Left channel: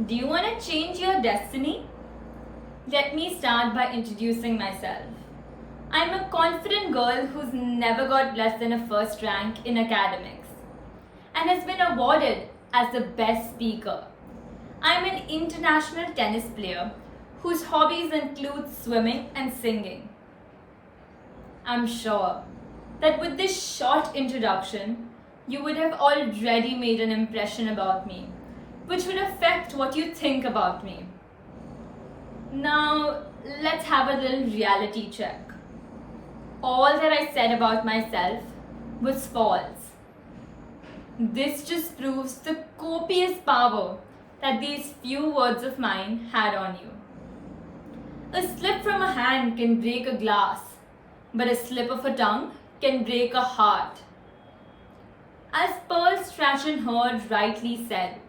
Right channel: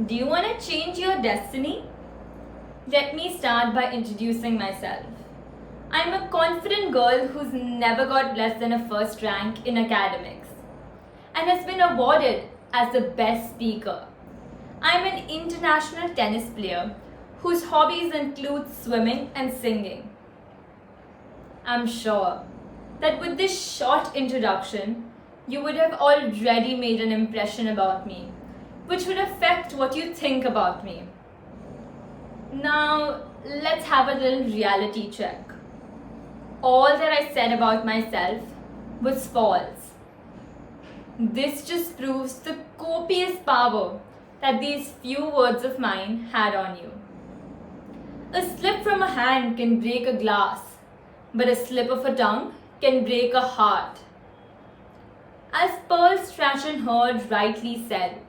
Do you want to change your destiny? Let me start by introducing myself. I'm a confident girl who's never got less than a first rank in academics and has been awarded as the best speaker. I'm an international tennis player whose hobbies include swimming and singing. I'm sure that with this short introduction, you would have already made an impression about me, which would affect what you think about me. Now, let's have a little reality check. All that I said about myself was false. This just proves the copious power that these few words of mine had on you. A slip from a hand can break a glass, but a slip of a tongue can break a heart. As Pearl Strachan Heard rightly said,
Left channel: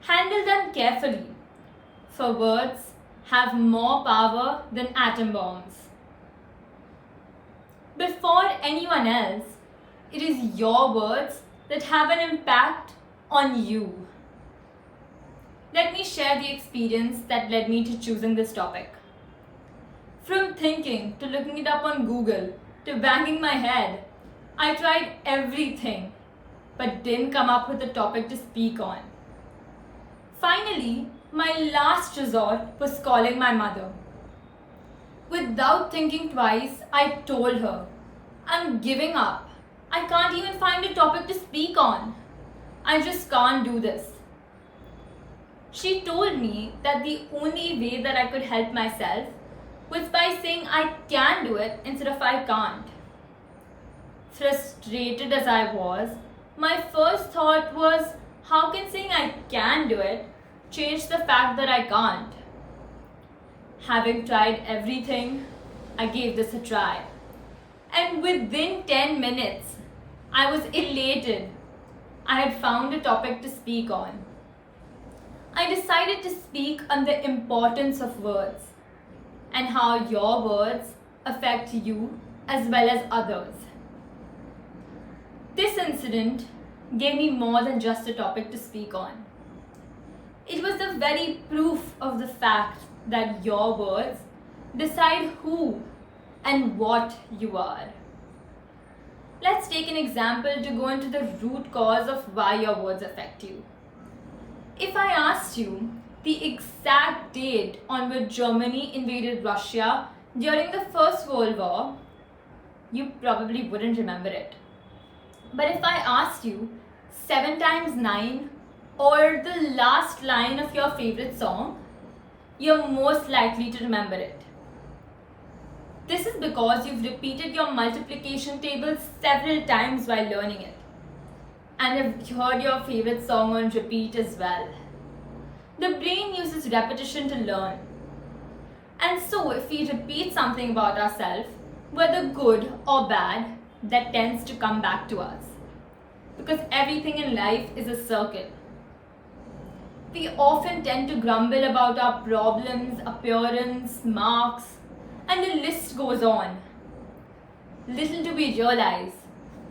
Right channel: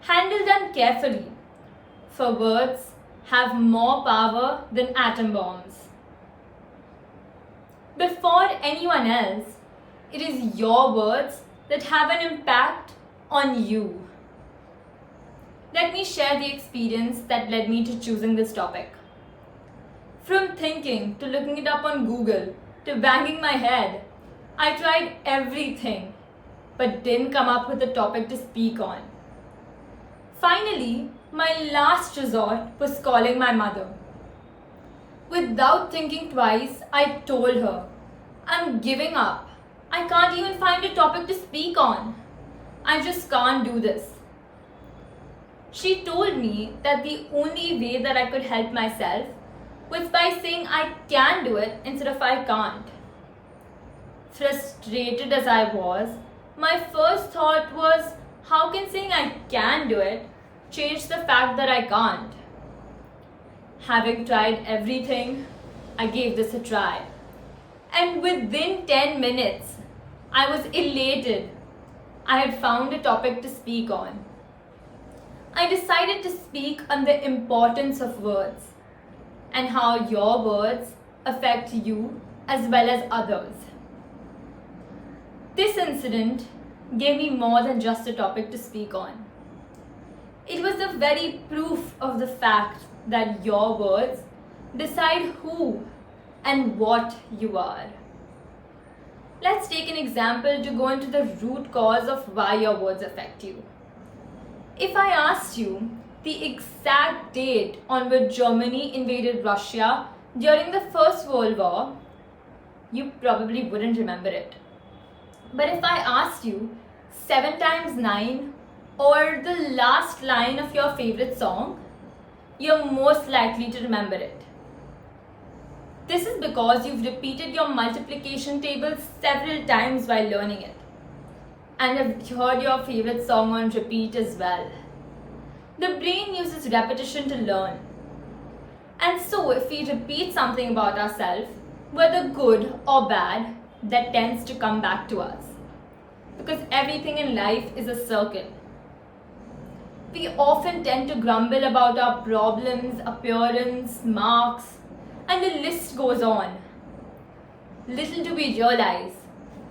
handle them carefully, for words have more power than atom bombs. Before anyone else, it is your words that have an impact on you. Let me share the experience that led me to choosing this topic. From thinking to looking it up on Google to banging my head, I tried everything but didn't come up with a topic to speak on. Finally, my last resort was calling my mother. Without thinking twice, I told her, I'm giving up. I can't even find a topic to speak on. I just can't do this. She told me that the only way that I could help myself was by saying I can do it instead of I can't. Frustrated as I was, my first thought was, how can saying I can do it change the fact that I can't? Having tried everything, I gave this a try. And within 10 minutes, I was elated. I had found a topic to speak on. I decided to speak on the importance of words and how your words affect you as well as others. This incident gave me more than just a topic to speak on. It was the very proof of the fact that your words decide who and what you are. Let's take an example to go into the root cause of why your words affect you. If I asked you the exact date on which Germany invaded Russia during the First World War, you probably wouldn't remember it. But if I asked you 7 times 9 or the last line of your favorite song, you're most likely to remember it. This is because you've repeated your multiplication table several times while learning it and have heard your favorite song on repeat as well. The brain uses repetition to learn. And so if we repeat something about ourselves, whether good or bad, that tends to come back to us. Because everything in life is a circle. We often tend to grumble about our problems, appearance, marks, and the list goes on. Little do we realize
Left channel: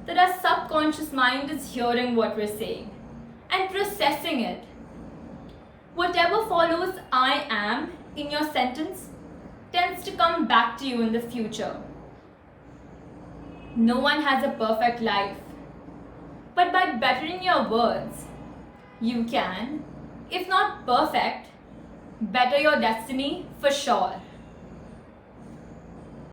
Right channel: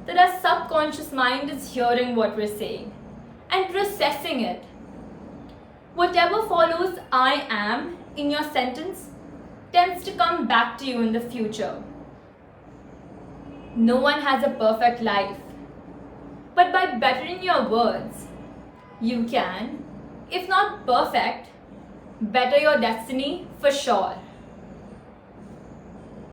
that our subconscious mind is hearing what we're saying and processing it. Whatever follows I am in your sentence tends to come back to you in the future. No one has a perfect life, but by bettering your words, you can, if not perfect, better your destiny for sure.